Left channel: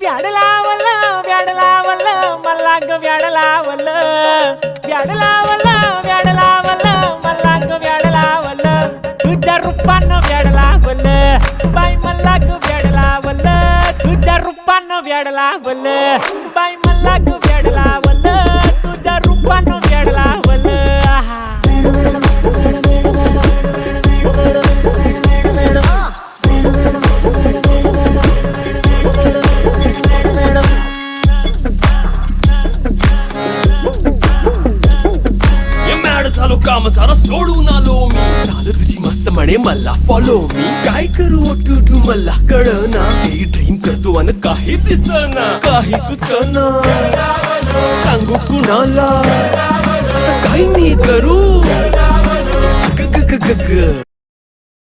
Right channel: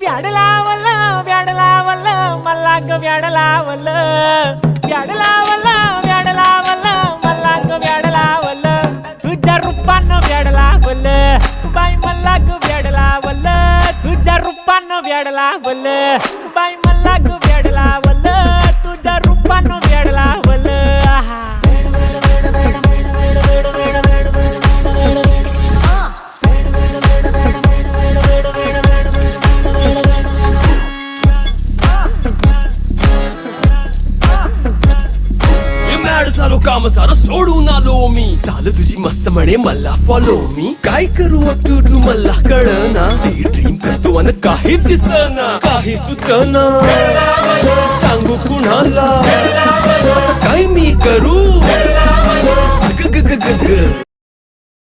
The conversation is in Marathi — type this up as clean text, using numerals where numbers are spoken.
व्याड लावलं व्याड लावलं मला ग व्याड लावलं व्याड लावलं व्याड लावलं मला ग व्याड लावलं तुझ्या रूपानं व्याड लावलं बाई मला ग व्याड लावलं तुझ्या रूपानं व्याड लावलं बाई मला ग व्याड लावलं तुझ्या रूपानं व्याड लावलं आहा झालो काम सारं सोडून आलो मी चाल तुझी मस्त म्हणे मला फॉलो मी काय करू टू मला कळना ती ड्रीम करतो आणि काही दिसना काही सुचना सांगू कुणाला आता काय मी करू ग ग ग ग ग